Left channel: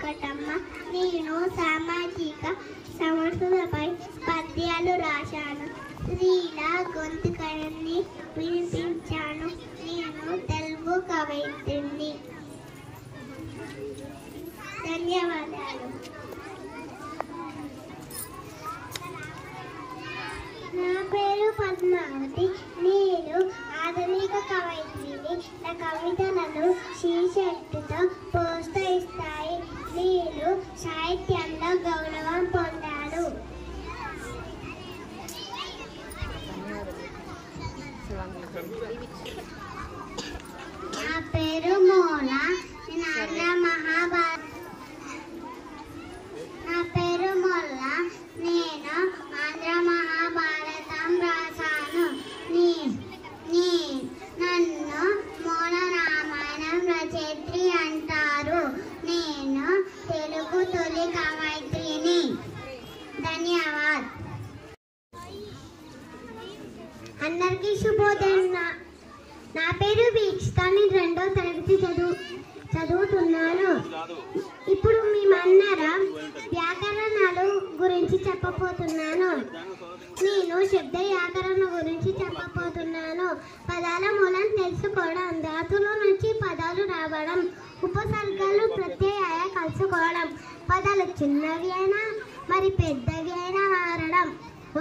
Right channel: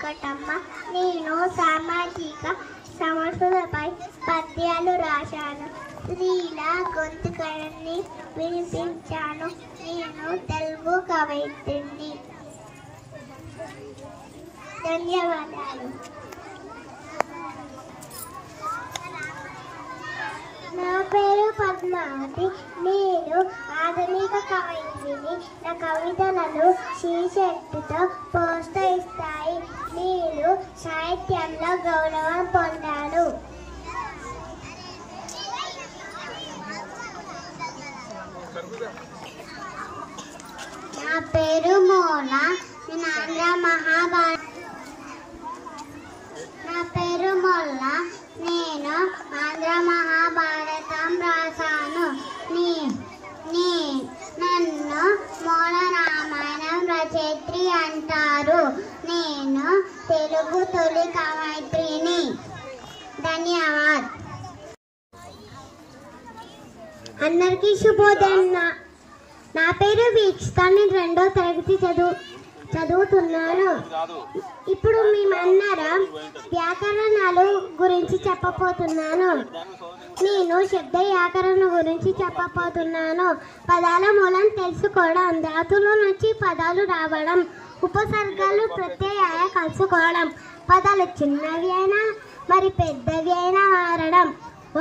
వెంకటమ్మ. నేను సామాజిక సమస్యలపై పద్యాలు రాశాను. స్త్రీల గొంతుకని వినిపించాను. నేను తెలుగు కవయిత్రిని. ధన్యవాదాలు. నా పేరు పద్మావతి. నేను ఆధునిక కవయిత్రిని. నా కవితలను శీర్షికతో ప్రోత్సహిస్తాయి. నేను సాహిత్యంలో గౌరవం పొందాను. నా పేరు మోన. నేను ఆంధ్ర మహాభారత నేను ఆంధ్ర మహాభారతం రాశాను. నన్ను మూల రామాయణం రచయిత్రి అంటారు. నేను తెలుగు తొలి కవయిత్రిని. ధన్యవాద్. అందరికీ శుభోదయం. నా పేరు వీక్షిత. నేను 2వ తరగతి చదువుతున్నాను. ఇప్పుడు మేమందరం వ్యాకరణాలు గురించి చెప్పబోతున్నాను. నేను శబ్ద వ్యాకరణ గురించి చెప్పబోతున్నాను. పదాల మూలం తెలుసుకోవడం, ధాతువుల నుంచి పదాలు రావడం, ఉపసర్గాలు ప్రత్యయాలు కలుసుకోవడం, పదాలు చిన్నవి అయినా మరి పెద్దవి అయినా మారడం,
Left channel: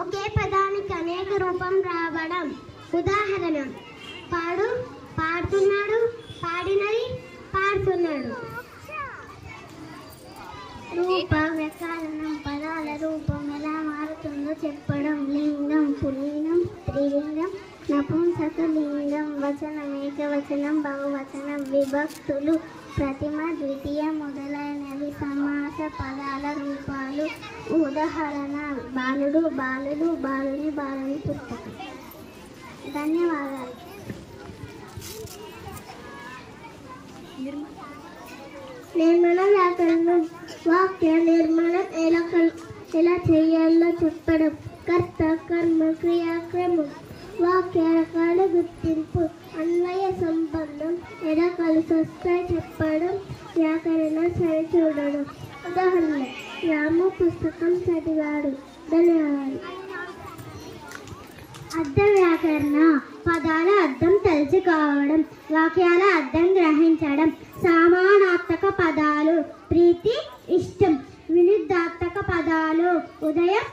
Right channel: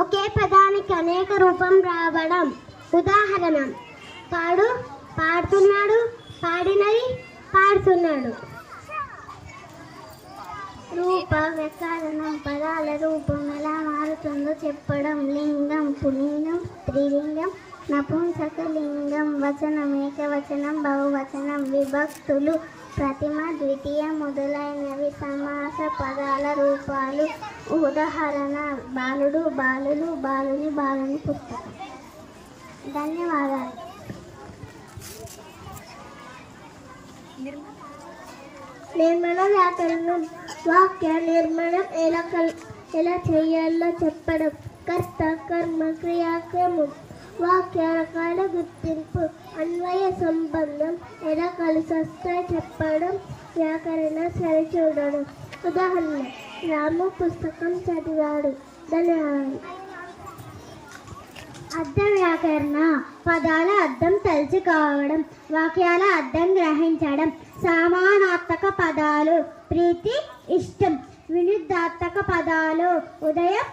ఒకే పదానికి అనేక రూపం రావడం. ఉదాహరణ: పాడుతున్నాడు, పాడినది, పాడుతున్నాడు. రూపవ్యాకరణం పదాల రూపం ఎలా మారుతుందో చెప్పడం. లింగం, పుల్లింగం, స్త్రీలింగం, నపుంసకలింగం, వచనం, ఏకవచనం, బహువచనం, విభక్తులు, ప్రతిమ, ద్వితీయ మొదలైనవి సమాస పదాల రూపాలు. ఉదాహరణ: బాలుడు, బాలులు, బాలుని, బాలుని పుస్తకం. ధన్యవాదాలు. నిర్మాణ వ్యాకరణం వాక్య నిర్మాణం ఎలా చేయాలో చెప్పడం. కర్త, కర్మ, క్రియాక్రమం. వాక్య రకాల గుర్తింపు. అన్వయ సంబంధం ఎలా కలిసి వస్తే చెప్పడం. వ్యాకరణ సరిచూడడం. ఉదాహరణ: రాము పుస్తకం చదివాడు. ధన్యవాదాలు. అర్థ వ్యాకరణ పదాల అర్థం తెలుసుకోవడం, వాక్యాల అర్థం గ్రహించడం. సమానార్థక పదాలు: ప్రీతి, ఇష్టం. విరుద్ధార్థక పదాలు: ఉదయం,